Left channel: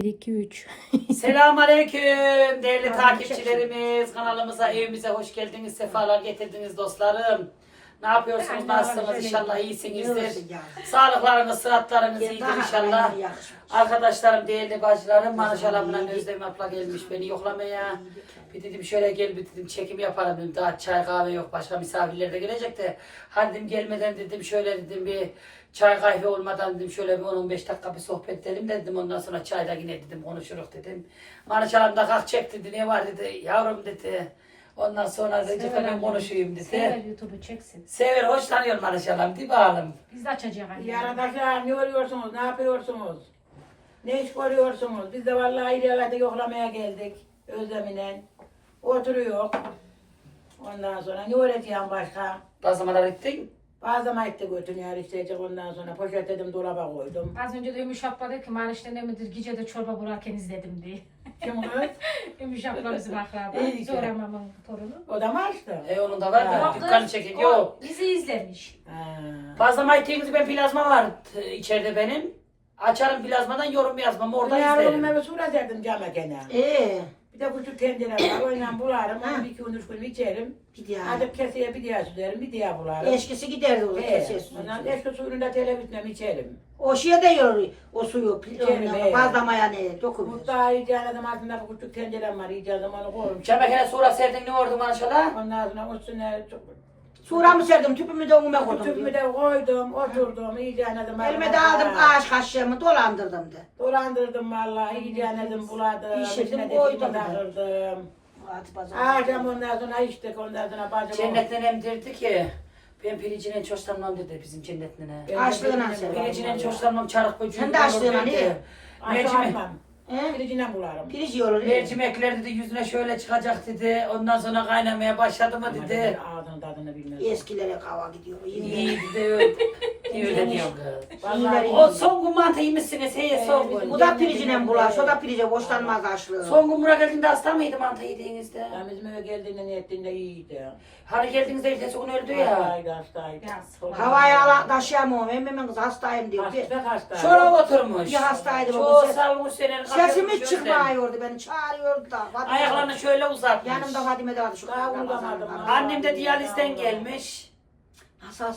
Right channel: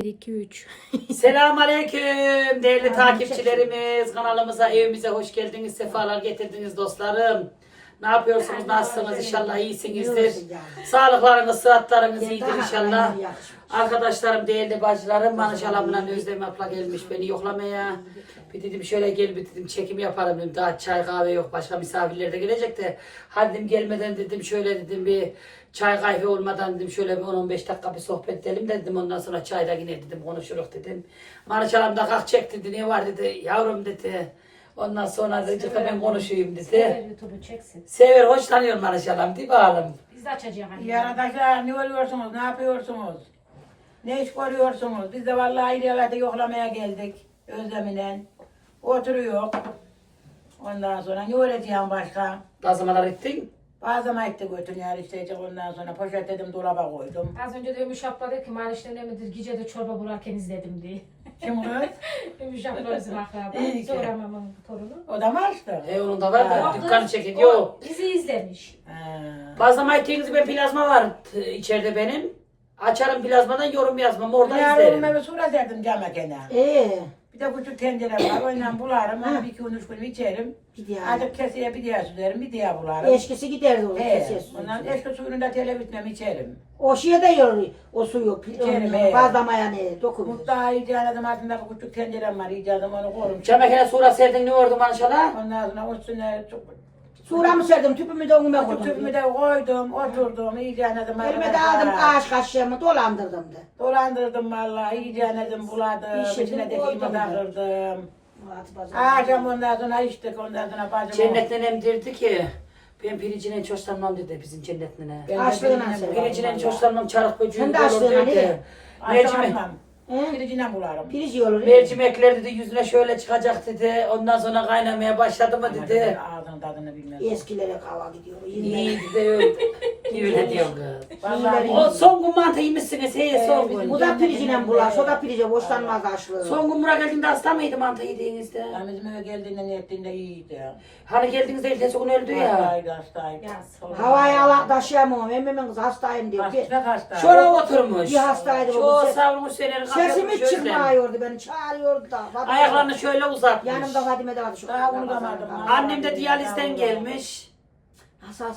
1, 2, 3. Selamun Aleyküm değerli takipçilerimiz. Kanalımıza, evimize hoş geldiniz. Sefalar getirdiniz dostlarım. Ne yapıyorsunuz? Nasılsınız? İnşallah iyisinizdir. Sağlıklarınız, sıhhatlarınız iyidir inşallah. Arkadaşlarım, değerli bacılarım, Manışalamla Özlem abla gelmiş beni yoklamaya. Bir dedim şöyle gel bir dedim çekim yapalım dedim. Daha çay kahve yok başka misafirler de gelecek de. Hadi dedim gelmeden dedim şöyle dedim bir çay kahve olmadan dedim şöyle bir 10-15 dakika bir sohbet edelim de dedim. Ondan sonra çayla yine dedim konuşuruz dedim. Manışalam da kalk çek dedi ne var dedi yavrum dedi. Ondan sonra Recep ben konuşayım dedi. Sever YouTube'u çeksin. Sever hoşlanıyor Manışalam değil mi oğlum? Biz de açacağız. Arkadaşlar ne oluyorsunuz? Ne yapıyorsunuz? Ne iş görüyorsunuz? Biz de vallahi evde yoklamaya geldik. Özleminen. Oturuyor. Ondan sonra ne öğreteceğim başka? Bazlamalar ettin. Bazı mayıkta götürüyor işte. Ondan sonra poşetledim dolaba koydum. Az önce de Ümüş abla dedi ki Maniş'te ne midir gece de çorba burarken izledim diye. Kim kız? Ümüş abla bizim akraba. İyi ki. Zor mamamın torunu. O da mı açtı? E onun da var da Ha. dükkan çekin. O Yok. Bizi izlemiş. Ha. Bazlama ettiğiniz ben plazma var t- içeride benim. Açarım plazmadan yorum yazmam orada Yarın izlerim. bir sura serdim cama kenara. Ee, Bir de küçük tencere var. Oyla bularım. Onu bir iki gün üç gün içerim. bir diğer. Artık keseye bir diğer süzerim. Bir diğer bularım. Eşkisi giderdi o He, ses. ondan eski suyunu da televizyonda içerim. O şeye de yoruyor o suyu. İçerim, he. Bazlamaya ne dokunuyor. Mutfağı icadım altında bir küçük tencerem var icadım onu korum. Çamakene sura serdin ne oldu bana şala? Ondan sonra üstüne Suramı serdim tüpümü de ume koydum. tüpümü de koydum, oturdum, icadım. Elime de aldım kaş kaşığımı dolandırdım da. Dolandırdım vallahi, icadım, buladım, Pişirdim, içine de koydum da. Akşam ondan sonra içtik, ondan sonra bacım. Cennet nenem derdi ki ben pirincine hiç hoşlanmam dedi bizim cennet nene. De Açlığına bularım Pirincine hoşlanmam çarık böceği Sen de olur açlığına dedi. ne? Akşam Mercimek, He? piricine bularım. Pirinç yolu. mercimekler dedi yüzüne şöyle çıkacak dedi. Ondan sonra kaynamaya başladı mı dedi. Ağzının tadını bilmez. Eskilere kava gidiyor. İyi de öyle. Öyle kız. Vallahi O son gün mantı yemişsiniz. He son gün. Bu da pirincine bulaş, o da pirince boşlanmaz açlığı. Son gün buraya geldiğinde hasta mıydı mantı yediğinizde? Ya bizim eve geldiğinde ne ettiğinde iyiydi. Hani geldiğinizde ertesi gün öldü ya. Hastaydı, hastaydı. Yaz. Havaya ala taşıyamam. Emmimin kızı hastayım diyor. Bir, Hasta hasta. Şora oturmuş. bir hastaydı. Bu. Ses, salmış senin sesim hiç çıkmıyordu. Beni çağırıyordu da. Ayaklarını şöyle uzatmış. Yanımda Fadime de vardı. Şu Daha unutamadım ha. Annem de diyalizden gelmiş.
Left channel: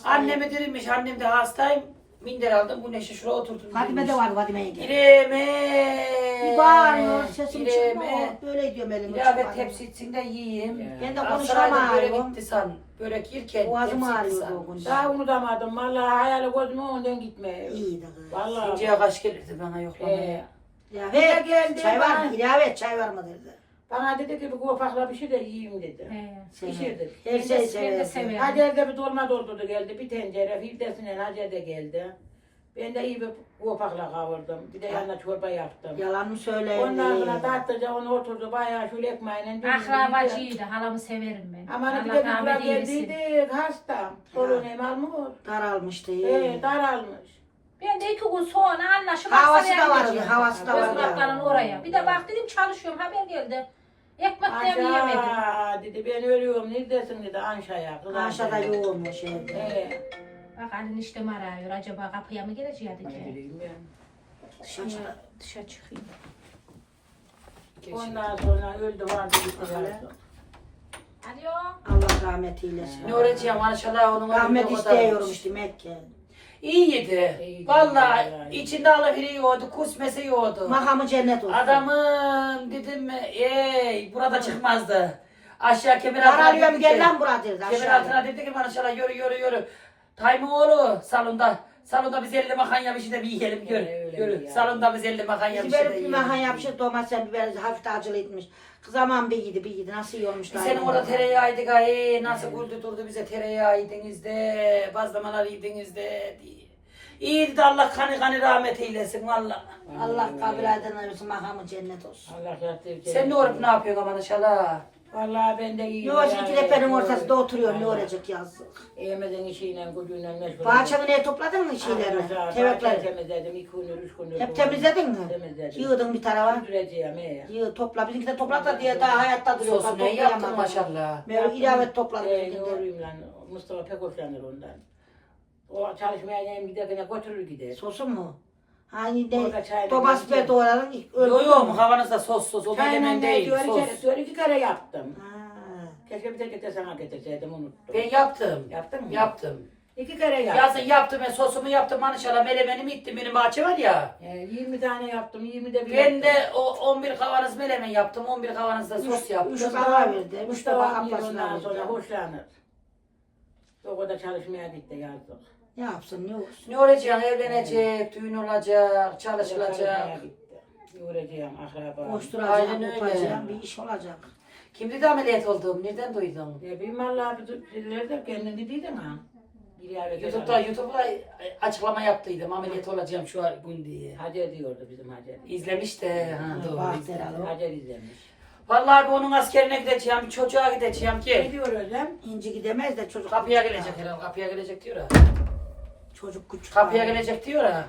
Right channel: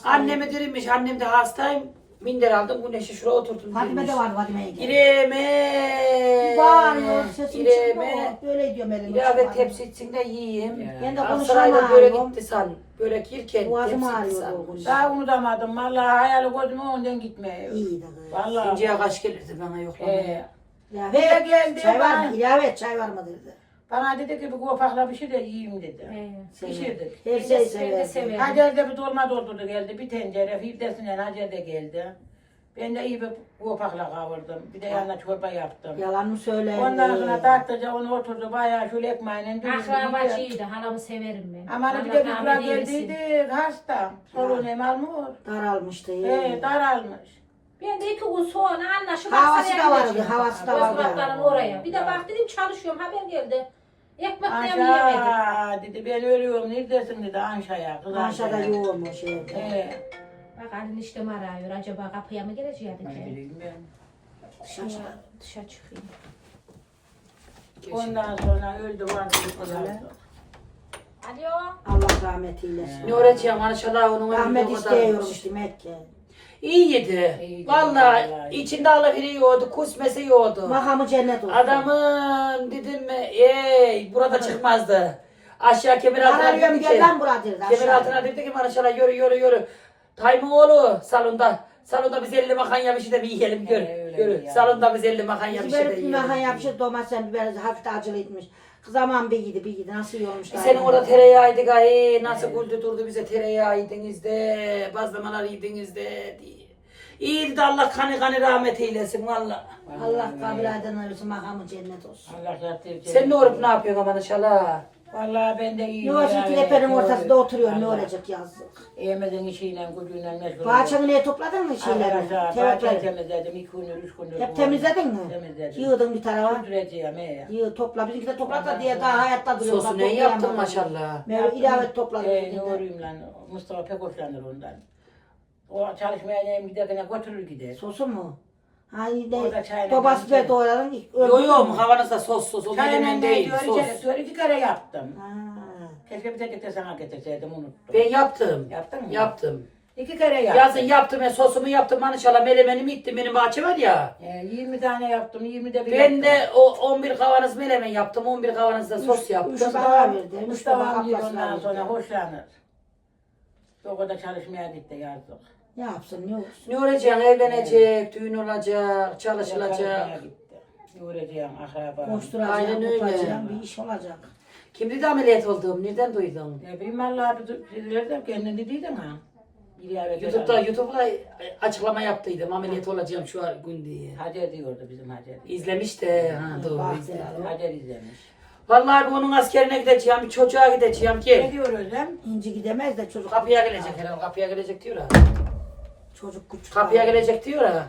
Annemi dirilmiş. Annem de hastayım. Minder aldım. Güneşe şuraya oturdum. Fadime de vardı Fadime'ye geldi. İreme. Bir bağırıyor. Sesim İreme. çıkmıyor. Böyle diyorum elimle. İlave çıkmıyor. tepsi içinde yiyeyim. Ben de Aksaray'da böyle gitti san. Börek yerken Boğazım tepsi ağrıyordu gitti o san. Daha unutamadım. Vallahi hayali gözüme ondan gitmiyor. İyiydi kız. Vallahi. İnceye kaç gelirdi bana yoklamaya. Ee, Ya ver geldi Çay var mı? İlave et çay var mı dedi. Bana dedi ki bir kofakla bir şey de yiyeyim dedi. He. Pişirdik. Her Ben şey de severim. Hacer de bir dolma doldurdu geldi. Bir tencere. Firdevs'in Hacer de geldi. Ben de iyi bir kofakla kavurdum. Bir de yanına çorba yaptım. Yalan mı söyle? Ondan sonra tatlıca onu oturdu bayağı şöyle ekmeğine. dürüm Akrabacıydı. Halamı severim ben. Ama bir de Allah bir rahmet kura eylesin. geldiydi. Hasta. Solun hem almıyor. Daralmıştı. Ee, daralmış. Ben de iki gün sonra anlaşıp Havası da vardı, havası da vardı. Özbeklerin oraya. Bir de bak dedim çalışıyorum haber geldi. Anşa dedi ben ölüyorum. Neredesin dedi Anşa'ya. Kız Aşağıda Anşa'ya. yoğunmuş şey. Ee, Bak Ali işte arıyor. Acaba kapıya mı gelecek ne dedi. bileyim ben. Dışarı, dışarı çıkayım. Ondan sonra öldü vardı vardı. Alo. Allah rahmet eylesin. Ne öğreteceğim maşallah onun Rahmet ömrü o kadar. istiyormuş demek ki. İyiydi. İyiydi, Vallahi vallahi. içinde alafiri yiyordu, kusmesi yiyordu. Makamı cennet olsun. Adamın dedim ey burada çıkmazdı. Aşağı kemer altına Arıyorum dedi gel ki, lan buraya dedi. kemer aşağı. altına dedi ki maşallah yürü yürü yürü. Taymun oğlu salonda. Salonda biz elli makanya bir şey de bir yiyelim. Ee, öyle yürü. ya. Salonda biz elli makanya bir Biz şey de böyle bir yiyelim. mahan yapmışız domates biber hafif de acılıymış. Kız aman bir yedi bir yedi nasıl yiyormuş Senin orada tereyağıydı gaye, nasıl güldü durdu bize tereyağı yediniz de, bazlamalar yediniz de diye. İyiydi de Allah kanı kanı rahmet eylesin valla. Allah kabul eden olsun makamı cennet olsun. Allah yattı. Sen ne olup ne yapıyorsun aman inşallah? Vallahi ben de iyiyim. Ne olsun ki tepenin ortasında oturuyor ne olacak yazık. Yemezin işiyle gücüyle meşgul. Bahçeni ne topladın mı şeyleri? Bahçeyi Tevekleri. temizledim. iki gündür, üç gündür. Hep temizledin mi? Temizledim. Yığdın bir tarafa. Sürdüreceğim he. Yığ topla. Bizimki de topla da diye daha hayatta duruyor. Sosu ne yaptın maşallah? Böyle ilave topladım. Ee, ne de. olayım lan. Mustafa pek hoşlanır ondan. O çalışmaya neyim giderken götürür gider. Sosu mu? Hani Orada ne? çayla Babası gelince. be doğranın. Yo yo havanızda sos sos. O Çayla menemen ne değil sos. diyor, iki kere yaptım. Ha. Keşke bir tek de sana getirseydim unuttum. Ben yaptım. Yaptın mı? Yaptım. İki kere yaptım. Yazın yaptım ben sosumu yaptım manışala melemenimi ittim benim bahçe var ya. Ee, 20 tane yaptım, 20 de bir Ben yaptım. de o 11 kavanoz melemen yaptım 11 kavanoz da sos yaptım. Üç bana verdi. Üç bana amca ablasına ondan sonra verdi. hoşlanır. O kadar çalışmaya gitti yazdık. Ne yapsın ne olsun. Ne olacak evlenecek, düğün olacak, çalışılacak. Yoracağım akraba. Koşturacağım, Aynen öyle. tutacağım, bir iş olacak. Kimdi de ameliyat olduğum nereden duydun? Ne bileyim Allah sizler de kendin dediydin ha. Bir YouTube'da, YouTube'da açıklama yaptıydım ameliyat olacağım şu an gün diye. Hacer diyordu bizim Hacer. İzlemiş de ha, doğru bak izlemiş. Hacer izlemiş. Vallahi ben onun askerine gideceğim, bir çocuğa gideceğim Ne ki. diyor Özlem? İnci gidemez de çocuk. Kapıya gelecek herhalde, kapıya gelecek diyor ha. Çocuk küçük. Kapıya gelecek diyor ha.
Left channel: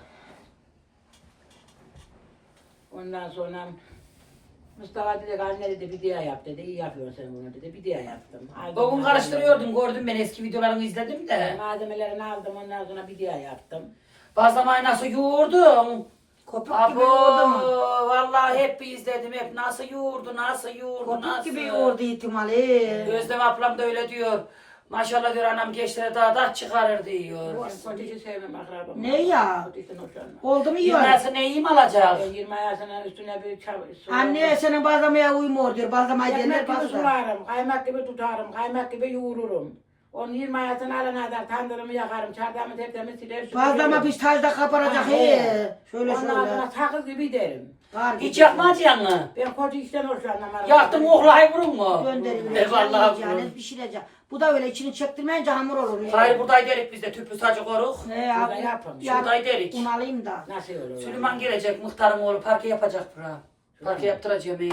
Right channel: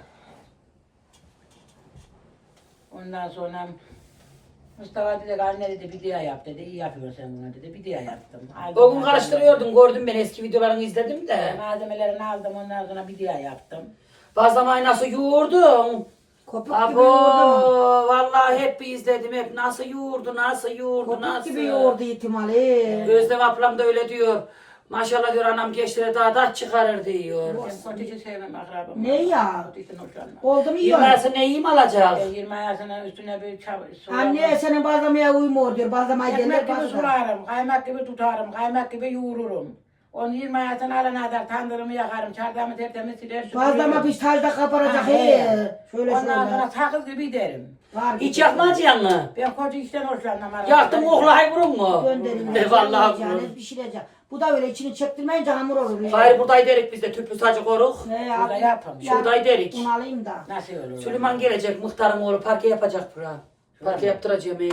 Ondan sonra Mustafa dedi anne dedi bir diye yap dedi. İyi yapıyorsun sen bunu dedi. Bir diye yaptım. Aldım O gün malzemeleri. karıştırıyordum, gördüm ben eski videolarını izledim de. Malzemelerini aldım ondan sonra bir diye yaptım. Bazlamayı nasıl yoğurdum. Kopuk gibi Abo, yoğurdu. vallahi hep bir izledim hep nasıl yoğurdu, nasıl yoğurdu, Kopuk nasıl. gibi yoğurdu ihtimali. Özlem ablam da öyle diyor. Maşallah diyor anam gençlere daha da çıkarır diyor. Ben kontici sevmem akrabam. Ne ya? Kontişten hoşlanmam. Oldu mu yiyor? Yıllarsa neyim alacak? Ben 20 yaşının üstüne bir çab- Anne senin bazlamaya uymuyor diyor. Bazlamayı Ekmek gelir gibi bazla. sularım, kaymak gibi tutarım, kaymak gibi yoğururum. Onu 20 yaşına alana kadar tandırımı yakarım, çardağımı tertemiz siler Bazlama bir talda kaparacak Ha, he. he. Şöyle Ondan şöyle. sonra sakız gibi derim. Kar Hiç gibi. yakmayacaksın mı? Ben koca işten hoşlanmam. Yaktım oğlay vurun mu? Gönderin. E vallahi vurun. Pişirecek. Bu da öyle içini çektirmeyince hamur olur. ya. Hayır buradayı derik biz de tüplü sacı koruk. He, Burada abi, yapalım. ya, Şuradayı derik. Un alayım da. Nasıl olur? Süleyman gelecek muhtarın oğlu parke yapacak bura. Parke yaptıracağım iyi.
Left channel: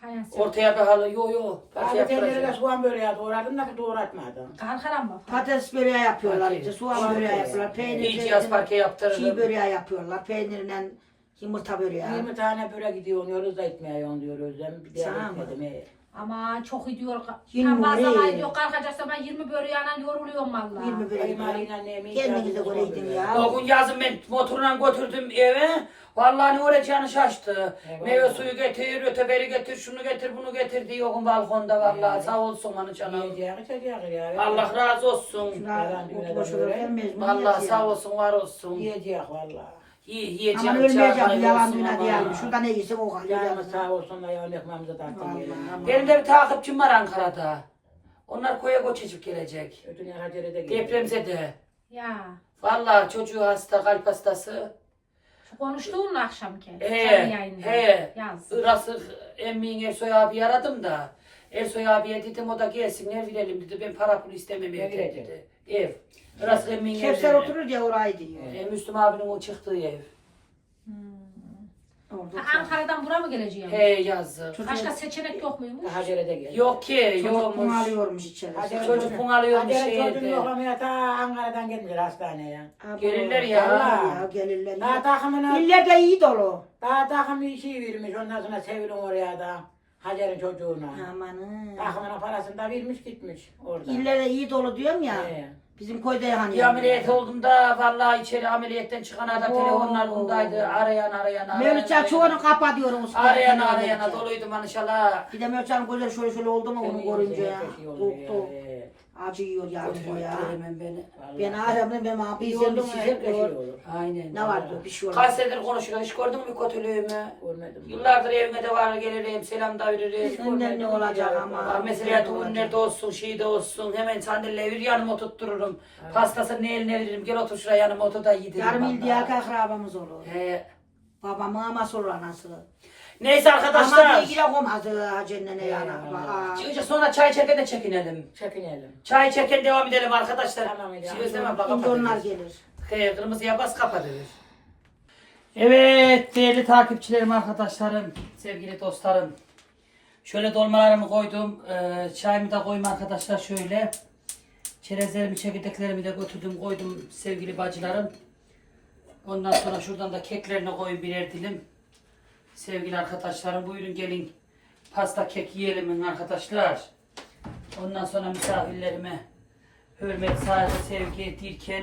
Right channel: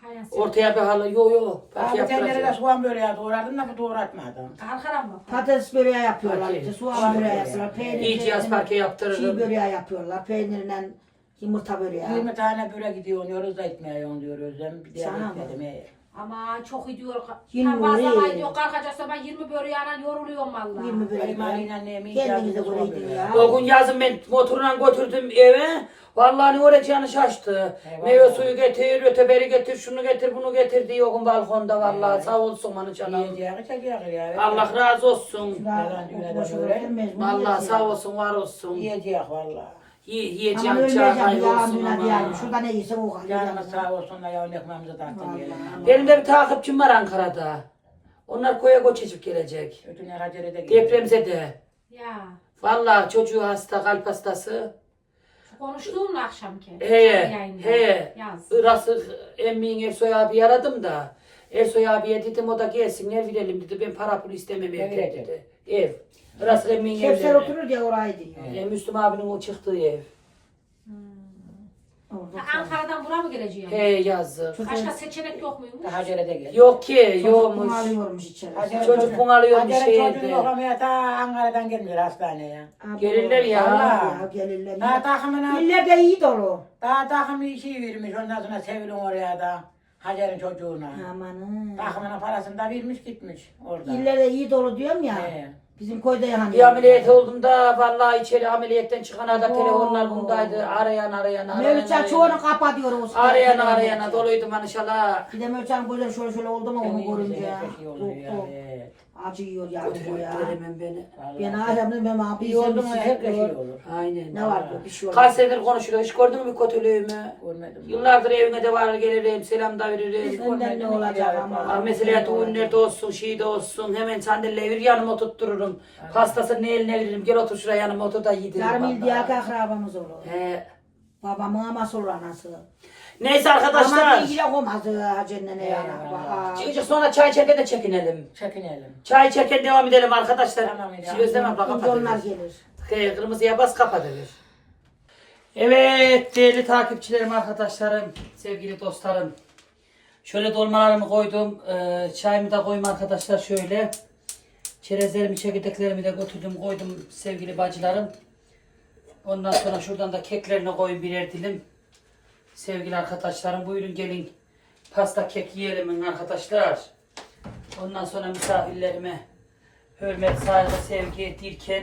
Hayat. Ortaya bir halı yo yo parke Abi tencerede yaptıracağım. soğan böreği doğradım da bu doğratmadım. Kalkaram mı? Patates böreği yapıyorlar Parke. işte. Soğan böreği yapıyorlar. Peynir. İyi cihaz parke Çiğ yaptırırım. böreği yapıyorlar. Peynirle yumurta böreği. 20 tane börek gidiyor, yoruz da etmiyor diyor Özlem. Bir de Sana mı? dedim he. Aman çok iyi diyor. Yirmi Tam oraya. bazlamayı diyor. Kalkacaksa ben 20 böreğiyle yoruluyorum valla. 20 böreği. Kaymalıyla neyimi Kendinize göre yedin ya. O gün yazın ben motorla götürdüm eve. Vallahi ne olacağını şaştı. Eyvallah. Meyve suyu getir, öteberi getir, şunu getir, bunu getir diye o gün balkonda vallahi sağ olsun bana canım. Yiyeceği içeceği ya. Allah razı olsun. De böyle. Vallahi sağ olsun, var olsun. Yiyeceği valla. Yi- Ama Yiyeceğim, çay ölmeyeceğim hayır ya olsun dünya ama. yani. Şurada ne yiysen o kadar. Canımız sağ olsun yavun ekmeğimizi taktın gelin. Benim de bir takipçim var Ankara'da. Onlar koya göçecek gelecek. Hacer'e de. Depremzede. Ya. Vallahi çocuğu hasta, kalp hastası. Konuştuğun akşamki. He, canlı yayında. he. Yaz. Irası emmiğin Ersoy abi aradım da. Ersoy abiye dedim o da gelsin ne verelim dedi. Ben para pul istemem Ne evde verecek? dedi. Ev. Irası emmiğin Kevser evi. oturur diye orayı diyor. E, Müslüm abinin o çıktığı ev. Orada. Ha, Ankara'dan buraya mı geleceğim? He yazdı. Başka seçenek yok muymuş? Hacer'e de gelin. Yok ki Çocuk yokmuş. bunu alıyormuş içeri. Hacer- Çocuk bunalıyormuş Hacer'in çocuğunu şehirde. yoklamaya ta Ankara'dan gelmiyor hastaneye. Abo. Gelirler ya. Vallahi ya gelirler. Daha ya. takımına, İller de iyi dolu. daha takımı işi vermiş. Ondan sonra Sevil'in oraya da Hacer'in çocuğuna. Amanın. Takımına parasını da vermiş gitmiş orada. İller de iyi dolu diyorum ya. He. Bizim köyde yani. Bir ameliyat olduğumda vallahi içeri ameliyattan çıkan da telefonlar bundaydı. Arayan arayan arayan. Mevlütçen çoğunu kapatıyoruz. Arayan arayana doluydu manışala. Bir de Mevlütçen gözleri şöyle şöyle oldu mu onu görünce. nefes iyi ya. He. Acıyor yani bu ya. Veremem beni. Ben aramda ben abi oldu bir mu şey gör. olur. Aynen. Ne var bu bir şey olur. Kaç senedir konuşuyor. Hiç gördün mü kötülüğümü? Görmedim. Yıllardır evime de var gelirim, selam da veririm. Senden ne olacak ama. Var mesela düğünlerde olsun, şeyde olsun. Hemen sandalye bir yanıma oturttururum. Pastasını eline veririm. Gel otur şuraya yanıma otur da yedirim. Yarım il diye akrabamız olur. He. Babamın aması olur anası. Neyse Ama arkadaşlar. ilgili olmaz Hacer'le ne yana. Çıkacak sonra çay içerken de çekinelim. Çekinelim. Çay içerken devam edelim arkadaşlar. Tamam, ya. Şimdi Özlem abla Şimdi onlar kapatırız. gelir. He, kırmızıya bas kapatırız. Evet değerli takipçilerim arkadaşlarım, sevgili dostlarım. Şöyle dolmalarımı koydum. Ee, çayımı da koyayım arkadaşlar şöyle. Çerezlerimi, çekirdeklerimi de götürdüm koydum sevgili bacılarım. Ondan sonra şuradan da keklerini koyun birer dilim. Sevgili arkadaşlarım buyurun gelin. Pasta kek yiyelim arkadaşlar. Ondan sonra misafirlerime hürmet, saygı, sevgi dirken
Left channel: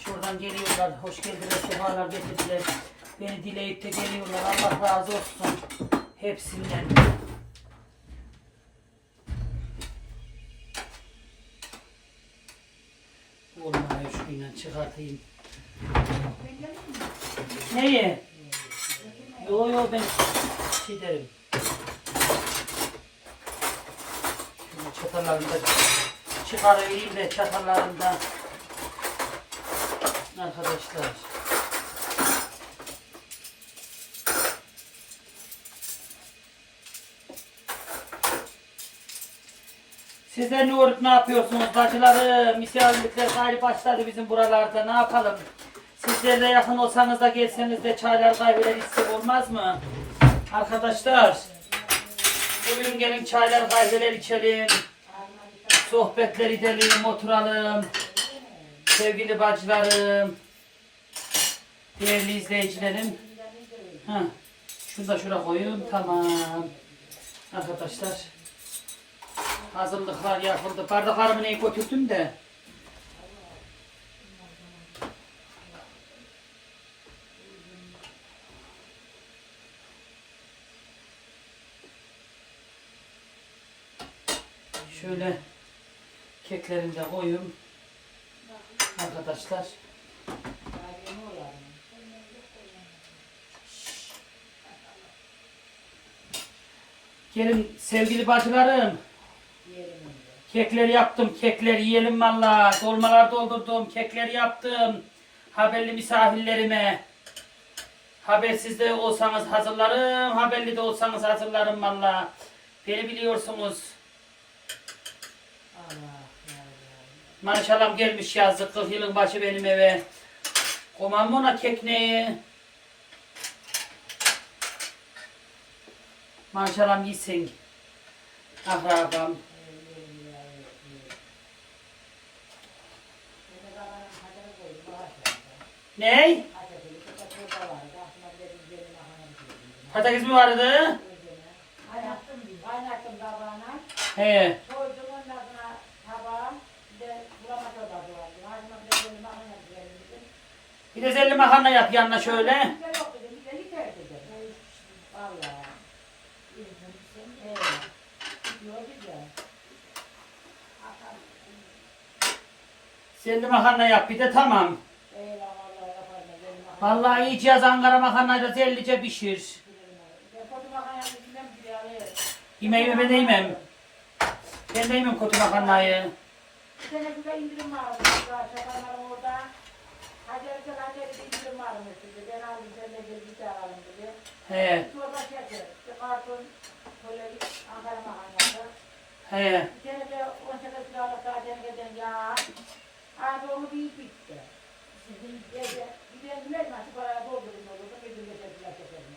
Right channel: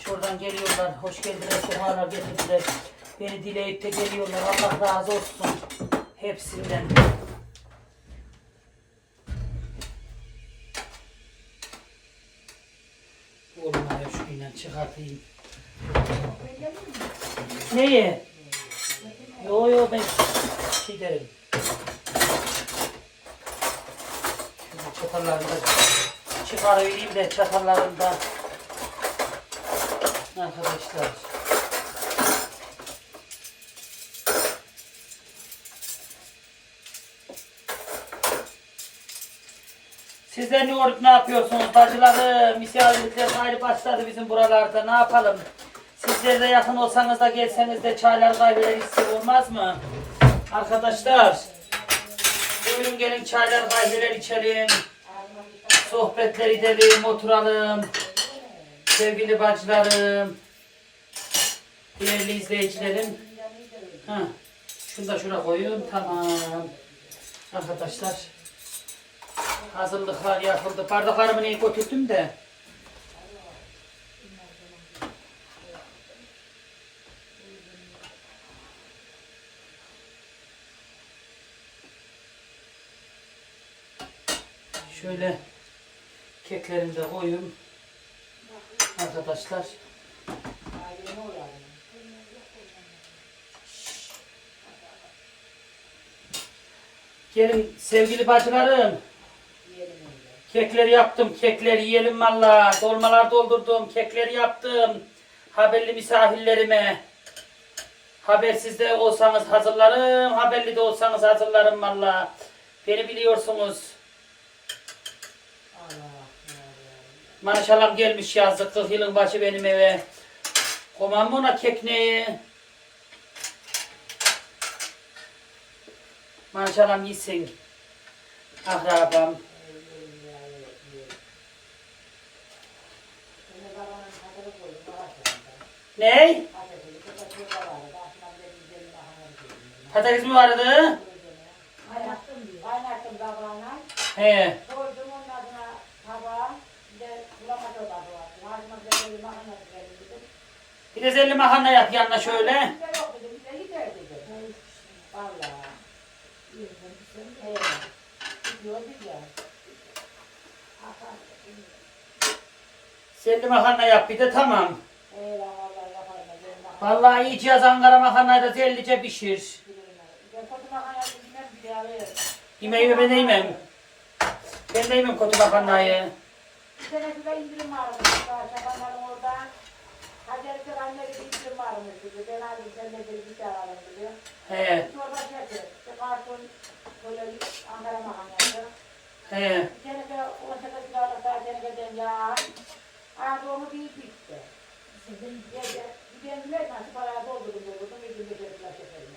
Şuradan geliyorlar. Hoş geldiler. Sefalar getirdiler. Beni dileyip de geliyorlar. Allah razı olsun. Hepsinden. Olmuyor şuyla çıkartayım. Neyi? Yo yo ben şey derim. Şunu çatallarını da çıkarayım da çatallarını da arkadaşlar. Sizler ne olup ne yapıyorsunuz bacılarım? Misafirlikler hali başladı bizim buralarda. Ne yapalım? Sizler de yakın olsanız da gelseniz de çaylar kahveler içsek olmaz mı? Arkadaşlar. Buyurun gelin çaylar kahveler içelim. Sohbetler edelim, oturalım. Sevgili bacılarım. Değerli izleyicilerim. Ha, şunu da şuraya koyun. Tamam. Arkadaşlar. Hazırlıklar yapıldı. Bardaklarımı neyi götürdüm de. Şöyle keklerimi de koyayım. Arkadaşlar. Gelin sevgili bacılarım. Kekler yaptım, kekler yiyelim valla. Dolmalar doldurdum, kekler yaptım. Haberli misafirlerime. Habersiz de olsanız hazırlarım, haberli de olsanız hazırlarım valla. Beni biliyorsunuz. Maşallah gelmiş yazdık, 40 yılın başı benim eve. Komam ona kekneyi? Maşallah yesin. Akrabam. Ney? Patates mi vardı? Kaynattım tabağına. He. 150 makarna yap yanına şöyle. Selli makarna yap bir de tamam. Vallahi iyice yaz Ankara makarnayı da zellice pişir. Yemeği ben de yemem. Ben de yemem kotu makarnayı. Bir tane indirim var. Çabanların orada. Ben aldım sen de bir bir tane alın dedi. He. Sonra şey yapıyor. Bir karton böyle Ankara makarnası. He. Bir sene de o sene kiralık daha Hacer'den ya. Abi onu bir bitti. Bir de bir de ne nasıl paraya doldurun diyor. Bunu bir gün geçirdiler şekerini.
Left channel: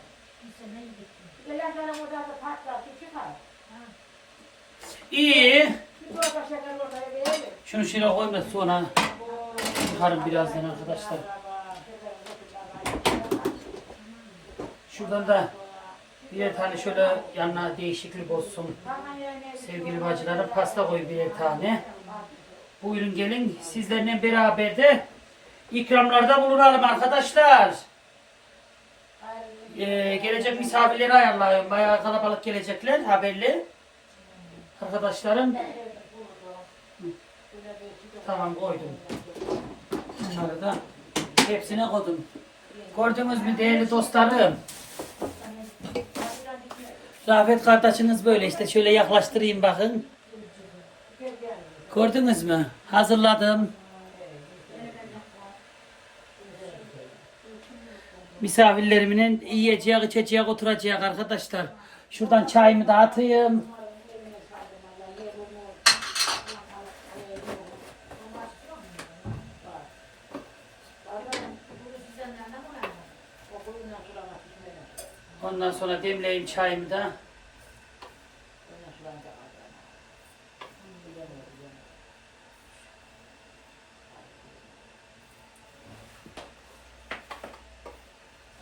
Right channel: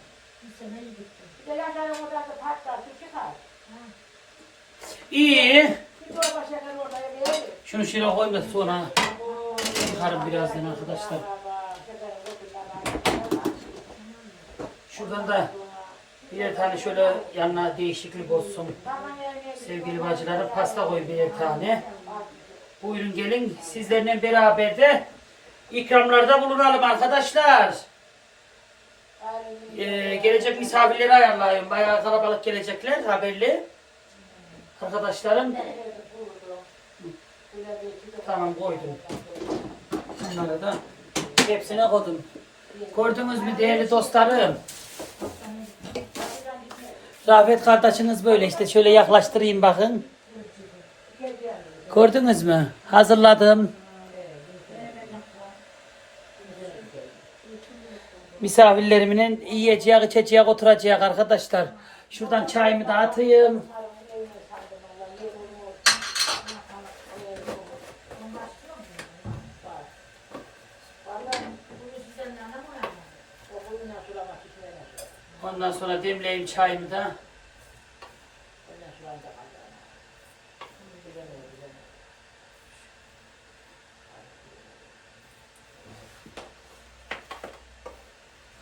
Bir de yaşarım orada da patlar. Şu çıkar. İyi. Şimdi orada şeker orada yemeyelim. Şunu şöyle koyayım da sonra çıkarım birazdan arkadaşlar. Şuradan da birer tane şöyle yanına değişiklik olsun. Sevgili bacılarım pasta koy birer tane. Buyurun gelin sizlerle beraber de ikramlarda bulunalım arkadaşlar. Ee, gelecek misafirleri ayarlayın. Bayağı kalabalık gelecekler haberli. Arkadaşlarım. Tamam koydum. Bunları da hepsine koydum. Gördünüz mü değerli dostlarım? Rafet kardeşiniz böyle işte şöyle yaklaştırayım bakın. Gördünüz mü? Hazırladım. Misafirlerimin yiyeceği, içeceği, oturacak arkadaşlar. Şuradan çayımı da atayım. Ondan sonra demleyeyim çayımı da.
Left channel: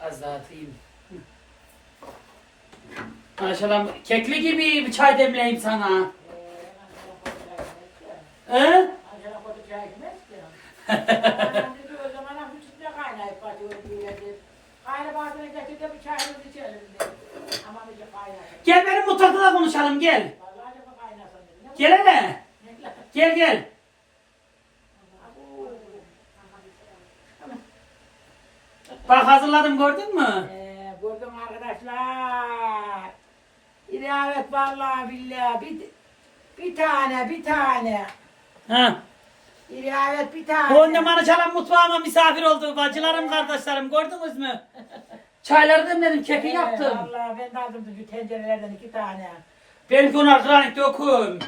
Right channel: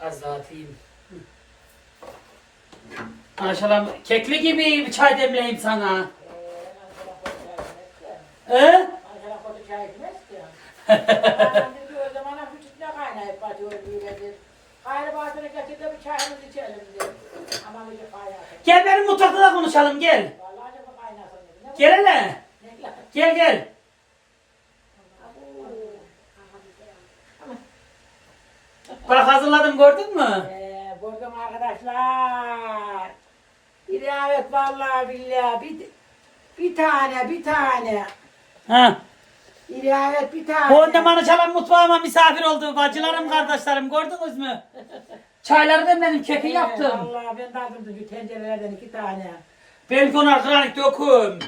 Az daha atayım. Maşallah kekli gibi bir çay demleyeyim sana. He? Getir de bir çayımızı içelim dedi. Ama. Gel benim mutfakta da konuşalım gel. Vallahi de bu kaynasın dedi. Ne Gel hele. bu? Gel gel. Bak hazırladım gördün mü? Ee, gördüm arkadaşlar. İlavet vallahi billahi bir, bir tane bir tane. Ha. İlavet bir tane. Bu annem Anıçalan mutfağıma misafir oldu. Bacılarım, kardeşlerim gördünüz mü? Çayları demledim, keki yaptım. Vallahi ben de aldım şu tencerelerden iki tane. Benimki ona kranik döküm.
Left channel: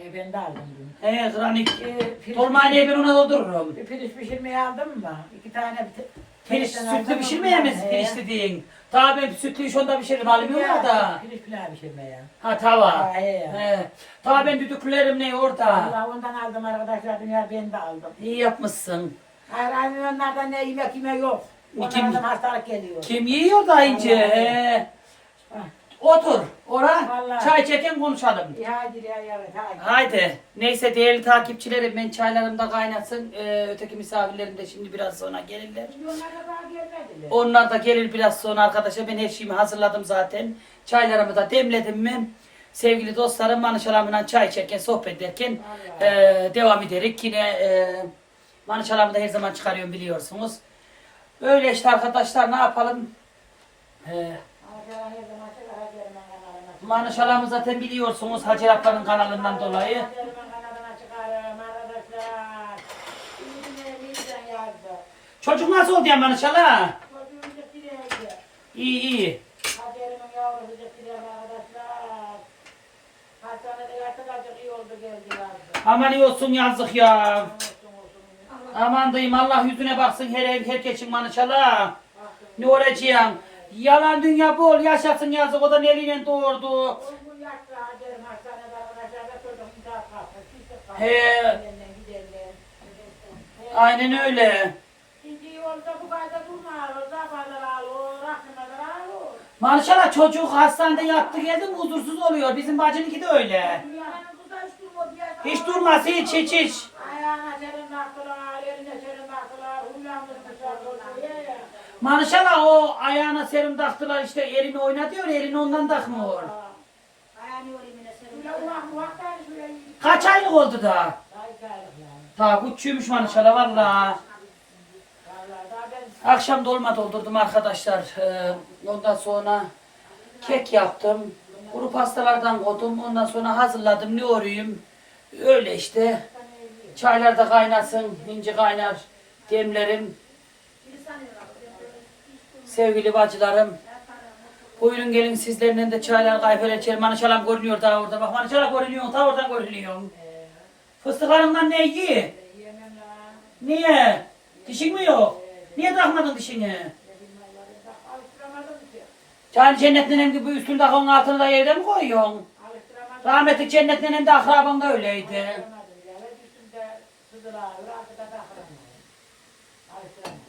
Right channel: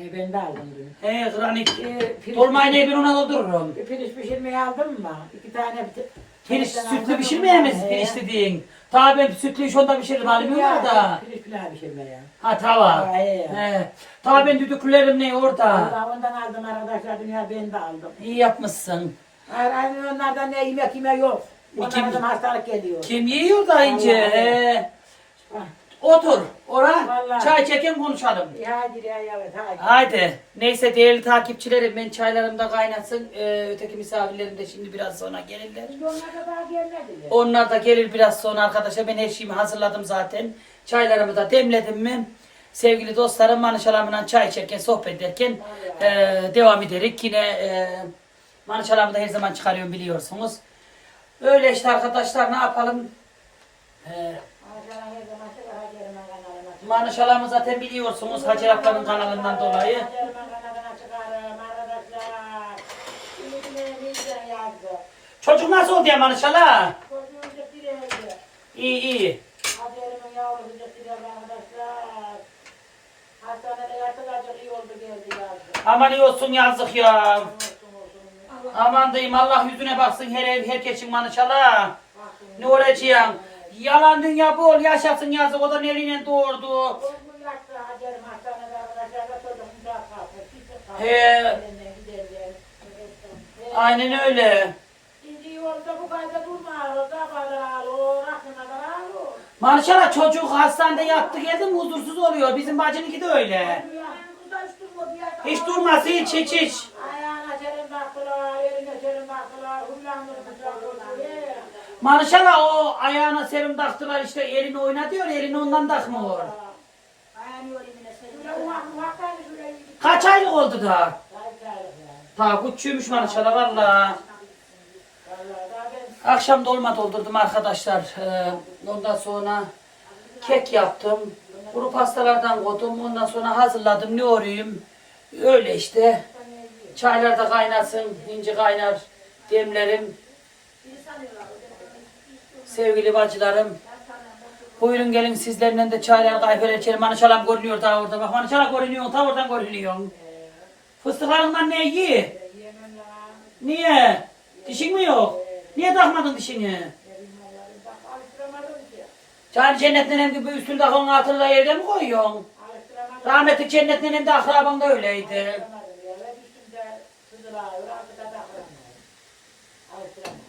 Ee, ben de aldım dün. He kranik. Ee, pirinç- Dolmayı ben ona doldururum. Bir pirinç pişirmeye aldım mı? İki tane bir Pirinç Pirinçten sütlü aldım pişirmeyemiz ondan, pirinç he. dediğin. Daha ben sütlüyü şonda pişiririm almıyorlar da. Pirinç pilav pişirmeye. Ha tava. Ha, he. He. Tava ben düdüklülerim ne orada. Ondan, ondan aldım arkadaşlar dünya ben de aldım. İyi yapmışsın. Aynı onlardan ne yemek yeme yok. Kim- Onlardan hastalık geliyor. Kim yiyor da ince? Vallahi. He. Otur. Ora. Vallahi. Çay çeken konuşalım. iyi, Hadi ya hadi. Haydi. Neyse değerli takipçilerim ben çaylarım da kaynasın. Ee, öteki misafirlerim de şimdi biraz sonra gelirler. Şimdi onlar da daha gelmediler. Onlar da gelir biraz sonra arkadaşlar. Ben her şeyimi hazırladım zaten. Çaylarımı da demledim mi? Sevgili dostlarım manışalarımla çay içerken, sohbet ederken e, devam ederek. Yine e, manışalarımı da her zaman çıkarıyorum biliyorsunuz. Öyle işte arkadaşlar ne yapalım? E, her zaman kanalına. manışalarımı zaten biliyorsunuz Hacı Akbar'ın kanalından dolayı. Çocuk nasıl oldu ya dirildi. İyi iyi. Aman iyi olsun yazık ya. Aman diyeyim Allah yüzüne baksın her ev herkesin manışalar. Baksın. Ne olacaksın? Yalan dünya bol yaşasın yazık o da eliyle doğurdu. He. Aynen öyle. Bu. Maşallah çocuk hastanede yattı geldi mi huzursuz oluyor. Bizim bacınınki de öyle. Hiç durmadı ya. Hiç hiç hiç. Ayağına serin baktılar, eline serin baktılar, hullandırmışlar çocuğu. ya. Maşallah o ayağına serum taktılar işte elini oynatıyor elini ondan takmıyor. Kaç aylık oldu da? Ta küçüğümüş maşallah valla. Akşam dolma doldurdum arkadaşlar. Ee, ondan sonra kek yaptım. Kuru pastalardan koydum. Ondan sonra hazırladım. Ne orayım? Öyle işte. Çaylar da kaynasın. ince kaynar. Demlerim. Sevgili bacılarım. Buyurun gelin sizlerle de çaylar kayfer içelim. Manışalam görünüyor daha orada. Bak manışalam görünüyor. Ta oradan görünüyor. Fıstıklarından ne iyi? Niye? Dişin mi yok? Niye takmadın dişini? Can cennetin hem gibi üstünde onun altını da yerde mi koyuyorsun? Rahmetli cennetin hem de akraban da öyleydi. Alıştıramadım.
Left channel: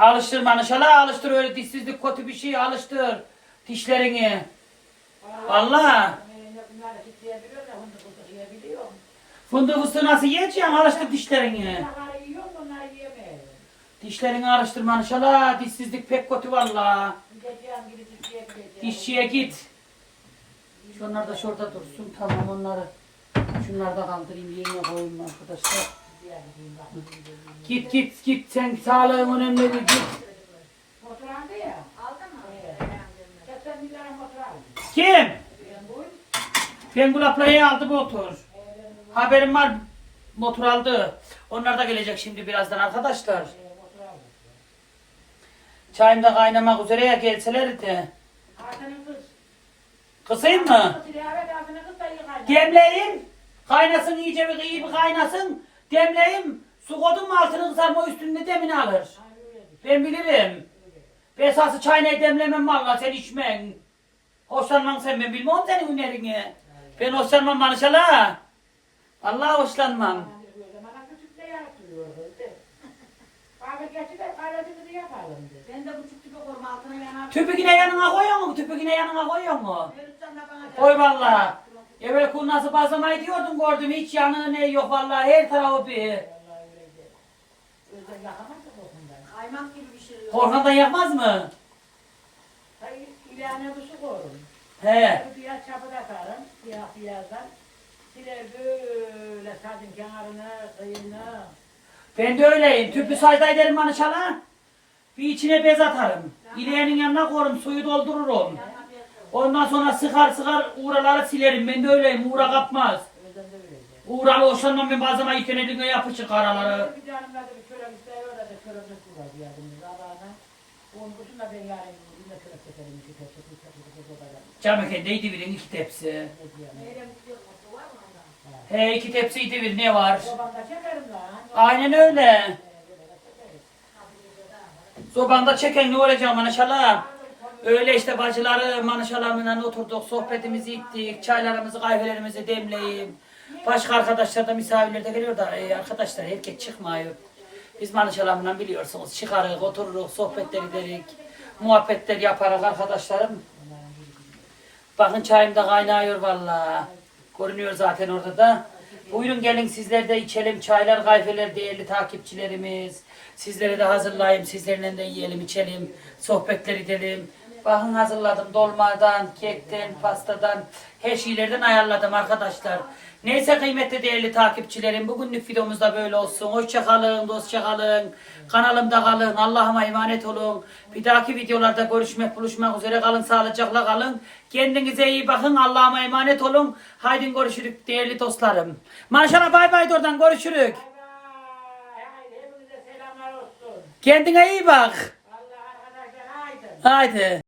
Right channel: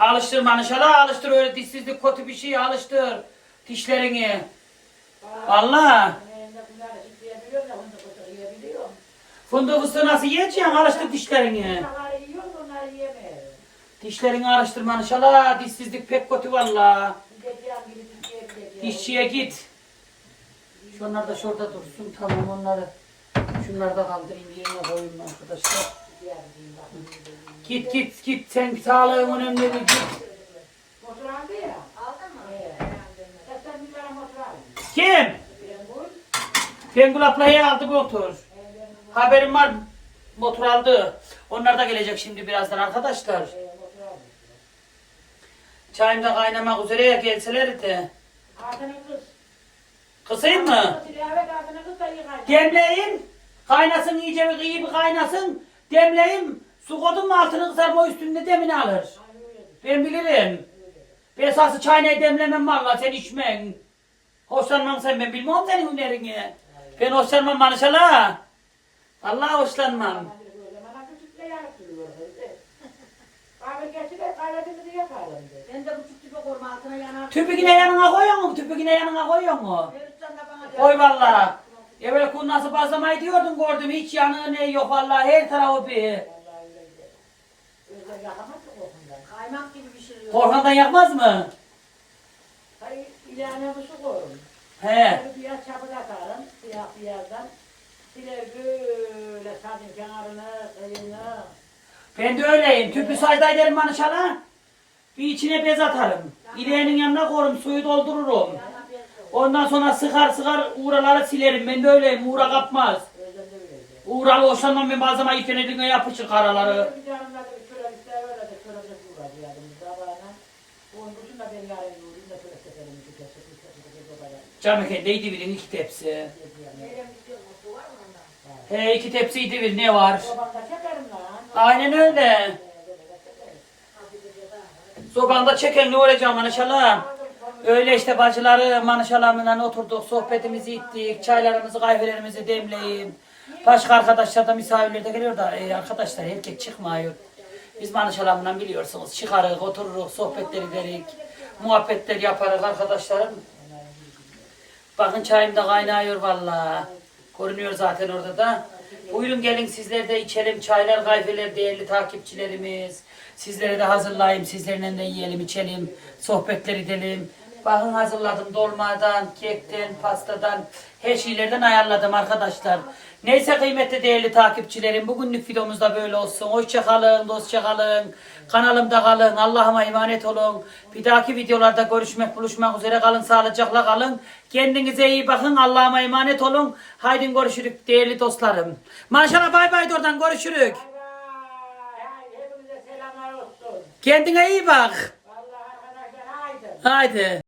Alıştır inşallah alıştır öyle dişsizlik kötü bir şey alıştır. Dişlerini. Valla. Fındığı fıstığı nasıl yiyeceksin? Alıştır dişlerini. Dişlerini alıştır inşallah. Dişsizlik pek kötü valla. Dişçiye git. Şunlar da şurada dursun. Tamam onları. Şunları da kaldırayım yerine koyayım arkadaşlar. Git git git sen sağlığın önemli bir git. Motor aldı ya. Aldın mı? Evet. Zaten bir tane motor aldı. Kim? Ben bu. Bengül ablaya aldı motor. Haberim var motor aldı. Onlar da gelecek şimdi birazdan arkadaşlar. Çayım da kaynamak üzere ya gelselerdi. Kısayım mı? Demleyeyim. Kaynasın iyice bir iyi bir kaynasın. Demleyeyim. Su koydum mu altını kızarma üstünde demini alır. Ben bilirim. Ben esası çayını demlemem valla sen içmen. Hoşlanmam sen ben bilmem senin hünerini. Ben hoşlanmam manışala. Vallahi hoşlanmam. Tüpü yine yanına koyuyor mu? Tüpü yine yanına koyuyor mu? Koy valla. Evvel kurnası bazlamayı diyordum gördüm. Hiç yanı ne yok valla her tarafı bir. Vallahi öyle yakamaz da kokundan. kaymak gibi pişiriyor. Korkandan yapmaz mı? Hayır, ilahine bu su koyun. He. Bir biraz çapı takarım, siyah beyazdan. Bir de böyle sadın kenarına, kıyına. Ben de öyleyim. Tüplü sayda ederim manışala. Bir içine bez atarım. İleğinin yanına koyarım, suyu doldururum. Ondan sonra sıkar sıkar uğraları silerim. Ben de öyleyim. Uğra kapmaz. Uğralı hoşlanmam ben bazen ayık yönetine yapışır karaları. Bir de şöyle bir bir iki tepsi. Cam. He iki tepsiydi bil ne var? Aynen öyle. Sobanda çeken ne olacak manışala? Öyle işte bacıları manışalarımla oturduk, sohbetimizi ettik, çaylarımızı, kahvelerimizi demleyip. Başka arkadaşlar da misafirler de geliyor da e, arkadaşlar erkek çıkmıyor. Biz manışalarımla biliyorsunuz çıkarız, otururuz, sohbetler ederiz, muhabbetler yaparız arkadaşlarım. Bakın çayım da kaynıyor vallahi. Görünüyor zaten orada da. Buyurun gelin sizler de içelim çaylar, kahveler değerli takipçilerimiz. Sizlere de hazırlayayım, sizlerle de yiyelim, içelim, sohbetler edelim. Bakın hazırladım dolmadan, kekten, pastadan, her şeylerden ayarladım arkadaşlar. Neyse kıymetli değerli takipçilerim bugünlük videomuz da böyle olsun. Hoşça kalın, dostça kalın. Kanalımda kalın. Allah'ıma emanet olun. Bir dahaki videolarda görüşmek, buluşmak üzere kalın. Sağlıcakla kalın. Kendinize iyi bakın. Allah'ıma emanet olun. Haydi görüşürük değerli dostlarım. Maşallah bay bay oradan görüşürük. Kendine iyi bak. Haydi.